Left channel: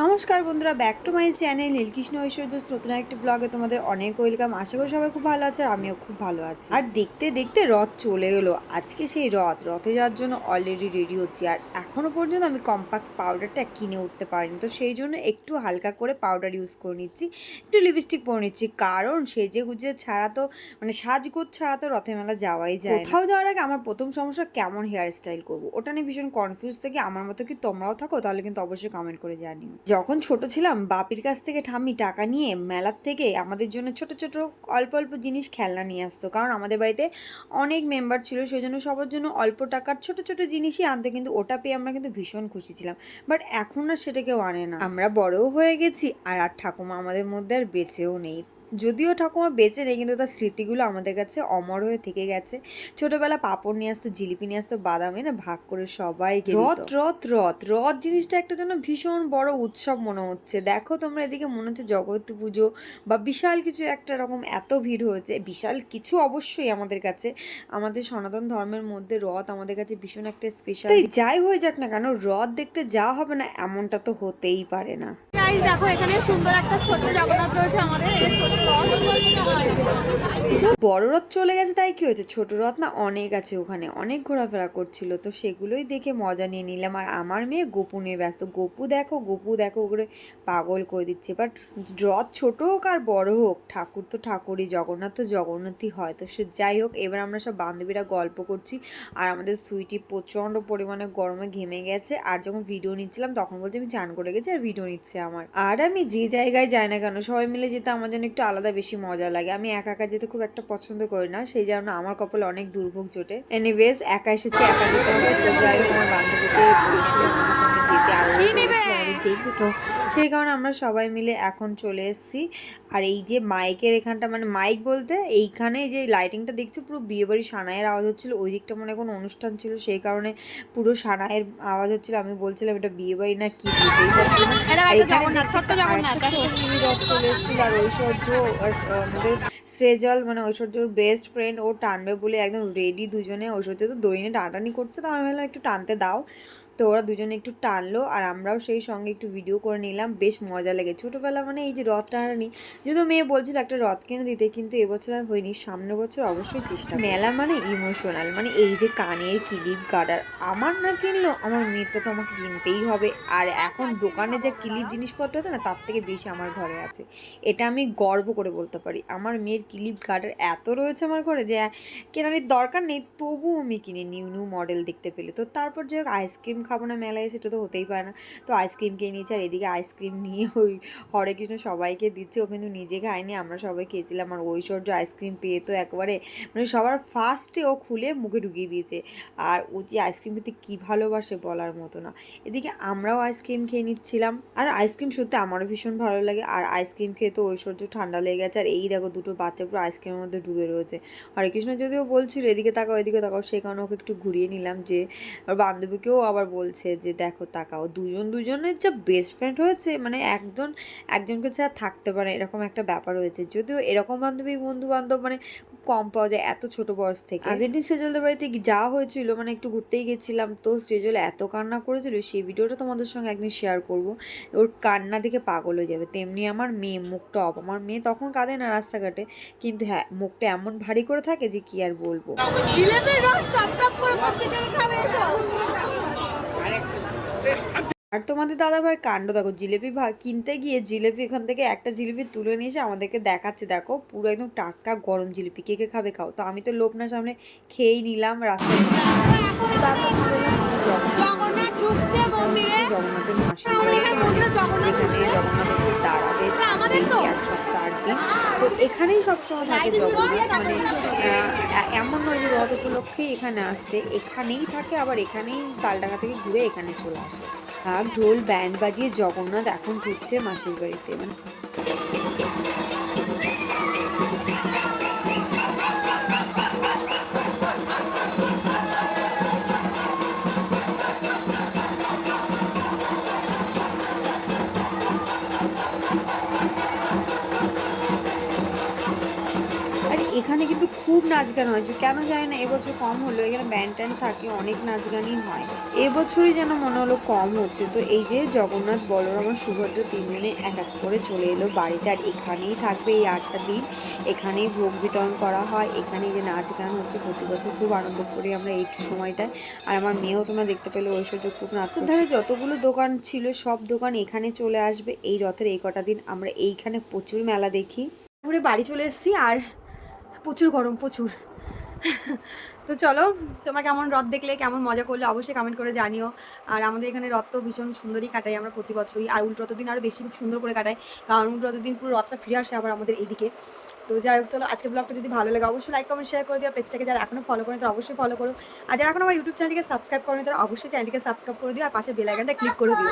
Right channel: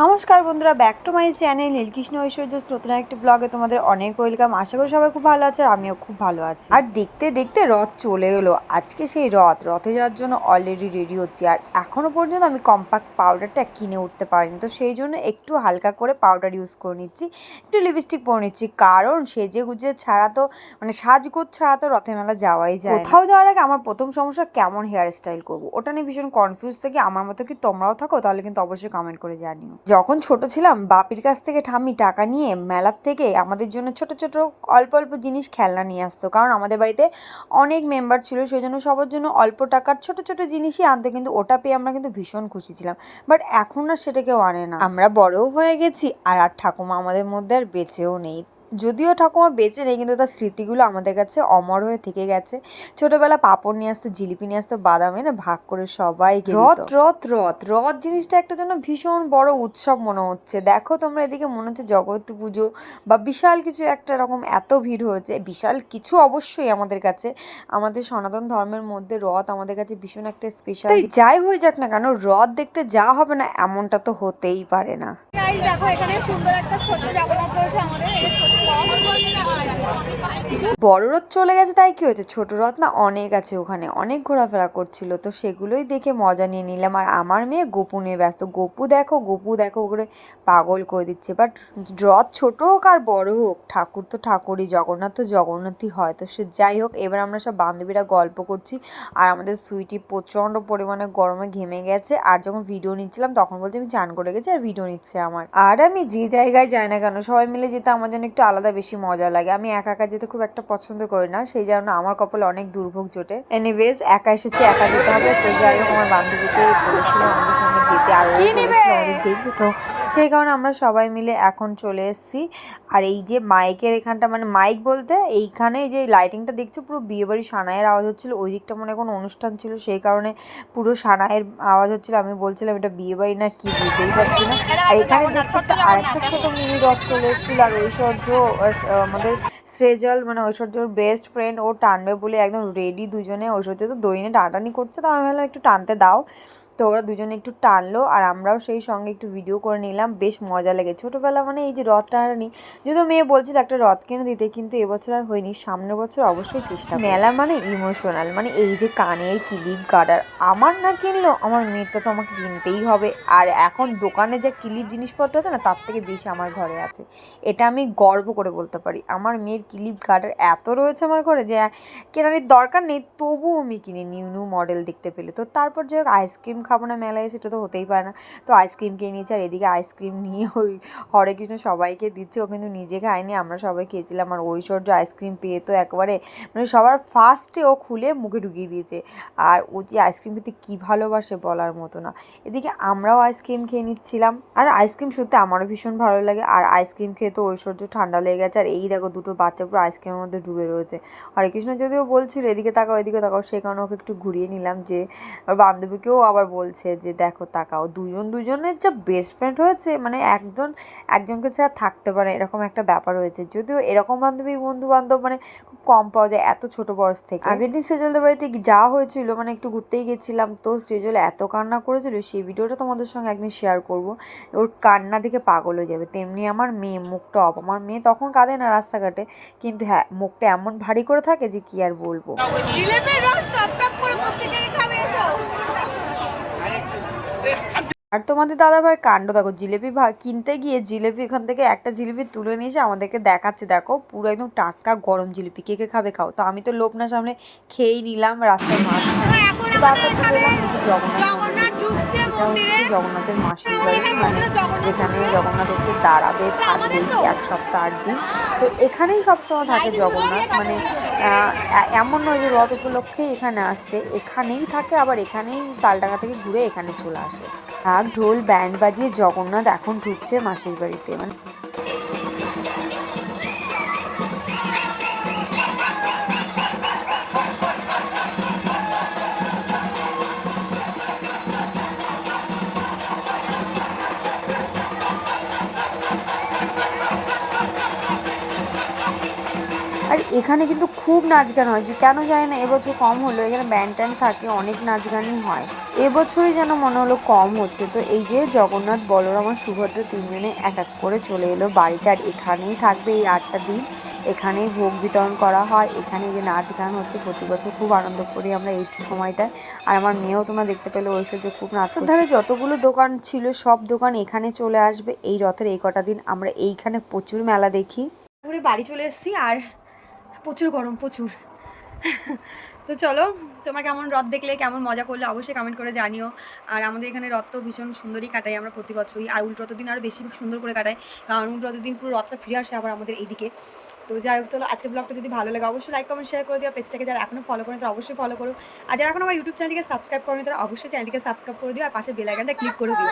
নমস্কার বন্ধুরা, back to my channel Nilkrishna ঐশ্বর্যস নতুন একটি ব্লগে তোমাদের অনেক ওয়েলকাম। আশা করি সবাই খুব ভালো আছে আর আমিও খুব ভালো আছি। আর দেখতে দেখতে রথ চলে এলো। আজকে সেই রথে যাওয়ার জন্য অলরেডি রেডি হচ্ছি। আর এখনো পর্যন্ত আমি কম্প্যাক্ট পাউডারটা কিনে উঠতে পারিনি, তো সেই জন্য একটু হালকা করে পাউডার ইউজ করে নিচ্ছি, একটু লিপস্টিক পরে নিচ্ছি, কারণ সেজে গুজে ছাড়া তো সাজগোজ ছাড়া তো রথে মেলা যাওয়াই যায়। কোথাও যাওয়ার আগে আমার প্রথম সমস্যা কেমন হেয়ার স্টাইল করবো, ওটা নিয়ে ভীষণ কনফিউজ থাকি। আমার মতো কি তোমরাও থাকো? তাহলে কিন্তু অবশ্যই কমেন্ট করে জানিও। যখন ছোট ছিলাম বাপির কাছ থেকে ঠাম্মি টাকা নিয়ে মেলার থেকে আমাদের জন্য ছোট ছোট অল্প অল্প জিনিস খেলনা নিয়ে আসতো, কারণ আমাদের বাড়িতে অনেক মেম্বার ছিল, সেই জন্য সবার জন্য অল্প টাকার ছোট ছোট জিনিসই আনতো, কিন্তু ওটা পেয়ে আমরা কিন্তু ভীষণ খুশি ছিলাম। বাট এখন আর সেটা কেউ আনে না, আমরা বড়ও হয়ে গেছি আর আর ঠাকুমা আমাদের মধ্যে আর বেঁচেও নেই। যদিও ঠাকুমা বেঁচে নেই, কিন্তু তার স্মৃতিগুলো আমাদের কাছে অমর হয়ে থেকে গেছে। ছোটবেলা পাপড় নিয়ে আসতো, জিলিপি নিয়ে আসতো, বাদাম এনে ভাগ করে সবাইকে রথ রথ রথ রথ জিনিসটা একটা জন্য ভীষণ বড় উৎসব মনে হচ্ছে। দেখো তোমরা, এদিকে মনে হচ্ছে জগদ্ধাত্রী পুজো বা বিশাল কিছু একটা, এরকম এত ভিড় হয়েছে। বিশাল কিছু অবশ্যই আমাদের কাছে, আমাদের সনাতন ধর্মের মধ্যে রথ আমাদের কাছে ভীষণ একটা স্পেশাল। যাই হয়ে যাক না কেন, রথ দেখতে যা হবে না এমনটা তো হতেই পারে না। দেখো এখানে সুন্দর একটা ছোট্ট জগন্নাথ রয়েছে আমাদের। বড় রথ চলে গেছে তাই কি হয়েছে, ছোট রথ না অনেক আছে, ওখানে অনেক ঘোরাফেরা করছিল, তো সেগুলোই দেখে মজা নিয়ে নিলাম। আর আমার মেয়ে গপু নিয়ে ব্যস্ত, গপু দেখো করে পাগল করে দিচ্ছে। বাট রথ ছোট হোক আর বড় হোক, ঠাকুর তো ঠাকুরই, জগন্নাথ তো জগন্নাথই হয়। তো সে যাই হোক, এবার আমরা সব বান্ধবীরা গল্প করছি আর আমাদের সুইটি প্রচন্ড পরিমাণে গরমে ঘেমে গেছে। আর যখন ভিডিও নিচ্ছিলাম তখন বলছে আমি চান করে গেছি আর ভিডিও নিচ্ছে আমার। আর আমি যে জায়গায় যাই না কেন, সবাই মিলে যেতে আমার জন্য একটু আলাদা বেশি মজা লাগে। আমি একা একা যেতে খুব একটা পছন্দ করি না, সেই জন্য আমার কপালে অনেক দুর্ভোগ জোটে। এনিওয়েজ, একা এসেছি, একা যেতে হবে। তো যাই হোক, আমার বান্ধবীকে বলেছিলাম আমাদের সঙ্গে যেতে, আর ও দেখবে, তো সেই কারণে আমরা সবাই মিলে এখন চলে এসেছি। আর এই যে মাইকের এখানটা, মাইক বলতে এইখানে যে লাইটিংটা দেখছো, পুরো বিয়েবাড়ি সানাইয়ের আওয়াজ হচ্ছিল। ওই দিকটা মনে কোনো অনুষ্ঠান ছিল, সেই কারণে পুরো সানাইয়ের আওয়াজ হচ্ছিল। আমি বলছিলাম এটা বিয়েবাড়ি না কি, বুঝতেই পারছি না। আর এখানে দেখছো আর একটা ছোট মিনি রথ চলে এসেছিল। আর ঐশ্বর্য, আমাদের সেজল ঐশ্বর্যর বেস্ট ফ্রেন্ড, ও টানবে বলে একদম রেডি দুজনে। ঐশ্বর্য তো দড়ি নিয়ে টানাটানি করছে, তো আমি ভাবলাম একটু টানতে দাও। তো ওরা দুজনে একটু টানলো আর আমরাও সেই সঙ্গে একটু ভিডিও করে নিলাম, বেশ মজা লেগে। ছোটোবেলা এই যে রথ টানানি, যদিও মেয়ে বলছিল একটা রথ কিনে দিতে, কিন্তু এবছর আর হয়নি, সামনের বছর অবশ্যই চেষ্টা। মেলা ইমোশনাল, এই যে কানের ক্লিপ গার্ডার আমার না কিনলেও আমার মেয়ের তো আমাকে কিনতেই হবে। আর এখন দোকানে যে ক্লিপ জিনিসপত্র আছে না, তার থেকে বেশি আমার ঘরে আছে, এটা আমি গর্ব করে বলতে পারি। আমার মেয়ের ক্লিপ গার্ডার এত রয়েছে আমার ঘরে যে কেনার দরকার নেই, তবুও আমি কিনি নিউ নিউ মডেল দেখতে পেলে। তো তারপর যাই হোক, আইসক্রিম খাবো না মেলায়, সেটা তো হতেই পারে না। তো আইসক্রিম কিনে নিয়েছি, আর এদিকে আইসক্রিম নিয়ে ওই হরে কৃষ্ণ সবাইকে দিচ্ছে, ও কিন্তু নিজে খায়নি, আমরা সবাই খেয়েছিলাম। আর ঐশ্বর্য আইসক্রিম পেয়ে তো একেবারে সবার ফার্স্টে ও খুলে মুখে ঢুকিয়ে দিয়েছে। আর ও যে আইসক্রিম খেতে কী ভালোবাসে বলার মতো না। এদিকে আমরাও আইসক্রিম খেয়ে নিচ্ছিলাম, আর আইসক্রিম সত্যি আমারও ভীষণ ভালো লাগে। আর আইসক্রিম খেয়ে তো ঐশ্বর্য ঠান্ডা লেগে গেছে। আর এই দেখো দুটো বাচ্চা পুরো আইসক্রিমের মধ্যে ডুবে রয়েছে। হরে কৃষ্ণ যদিও বলছিল এদিকে তাকাও এদিকে তাকাও, সেই কারণে ওকে একটু ঘুরিয়ে নিলাম। যে আর বান্ধবীকেও আবার বলছে যে দেখো তাকাও, দুজনের যা বেস্ট ফ্রেন্ড হয়েছে, একজনকে ছাড়া থাকতে পারে এরকম একটা ব্যাপার হয়েছে। যদিও এরকম বান্ধবী বন্ধু বান্ধব খুব কম পাওয়া যায় এত ছোট বয়স থেকে। আগের দিন সেজলদের বাড়িতে যাওয়া হয়েছিল, একটু ঘুরতেই গেছিলাম, তো সেজল এত কান্না করেছিল, সেই ভিডিওটা তোমাদের সঙ্গে একদিন শেয়ার করব। ওর কান্না দেখে পাগল হয়ে যাবে। তেমনি আমার মেয়ে, মুখটা অফ। আমার মেয়ে তখন কাঁদে না রাস্তাঘাটে, কিন্তু হ্যাঁ মুখটা এমন ভারী করে থাকে যে কি আর বলবো। আর তোমাদের দাদাভাইয়ের কাণ্ড দেখো, জিলেপি কিনতে গিয়ে জিলেপি এখান থেকে একটা জিলিপি তুলে নিয়ে এসে আমাদেরকে দেখাচ্ছে, দেখো পুরো একদম টাটকা গরম জিলিপি, কে কে খাবে খাও। তো আমি তো লোভ না সামনে খেয়েই নিলাম রাস্তার মাঝখানে। জগন্নাথের মাসির বাড়ি, যেখানে জগন্নাথ এসে দাঁড়াবে, থাকবে এক সপ্তাহ 8 দিন। তো এখানেই সবসময় থাকে জগন্নাথ, এমন নয় যে রথ উপলক্ষেই এখানে আসছে, এখানেই থাকে, আবার এখানেই তালডাঙ্গা থেকে ঘুরে এখানে চলে আসে। ঢাক ঢোল ব্যান্ড বাজিয়ে জগন্নাথ এখন ঢুকছে মাসির বাড়িতে। আর এখানে কিন্তু খুব নাচ গান হয়, কেন জানি না এবছর কম হলো। এখানে ব্যান্ড ট্যান্ড থাকে, অনেক নাচ গানই হয়। এবছরই যেন মনে হলো কম হচ্ছে। তো এই যে জগন্নাথ, বলরাম আর সুভদ্রা তিনজনে এক এক করে চলে এলো বাড়িতে, আর এখানেই থাকবে এই 8টা দিন। এখানেই ভোগ বিতরণ করা হয়, এখানে যে নাচ গান হচ্ছে, প্রতি বছর খুব আনন্দ করি আমরা এই সময়টায়। আর আমার মেয়েও তোমরা দেখতে পেলে ঐশ্বর্য খুব নাচ করছে। ধারে যতগুলো দোকান ছিল সব দোকান এখানে চলে আসবে এই রথের এই কটা দিন। আমরা এইখানে প্রচুর মেলা দেখি। ঘুরে বাড়ি চলে এসেছি আর প্রচুর গরম, প্রচুর। তো চলো, তোমরা কেমন রথ দেখলে, কেমন মজা করলে অবশ্যই কমেন্ট করে জানিও। আর আমাদের এখানে রথ তো ভীষণ সুন্দরই কাটাই আমরা প্রতি বছরই, আর উল্টো রথের দিন আরও বেশি সুন্দর করে কাটাই, কারণ উল্টো রথের দিন পুরো রথটা ফিরে আসে আবার আমাদের এইদিকে। তো যাই হোক, চলো আজকের ব্লগটা যদি ভালো লাগে অবশ্যই লাইক কমেন্ট শেয়ার করে দিও। পেজটাকে যারা এখনও ফলো করেন তারা অবশ্যই ফলো করো, আর যারা এখন আমার ইউটিউব চ্যানেলটিকে সাবস্ক্রাইব করেন তারা অবশ্যই চ্যানেলটিকে সাবস্ক্রাইব করে দিও, আর পাশে বেল আইকনটা ক্লিক করে দিও।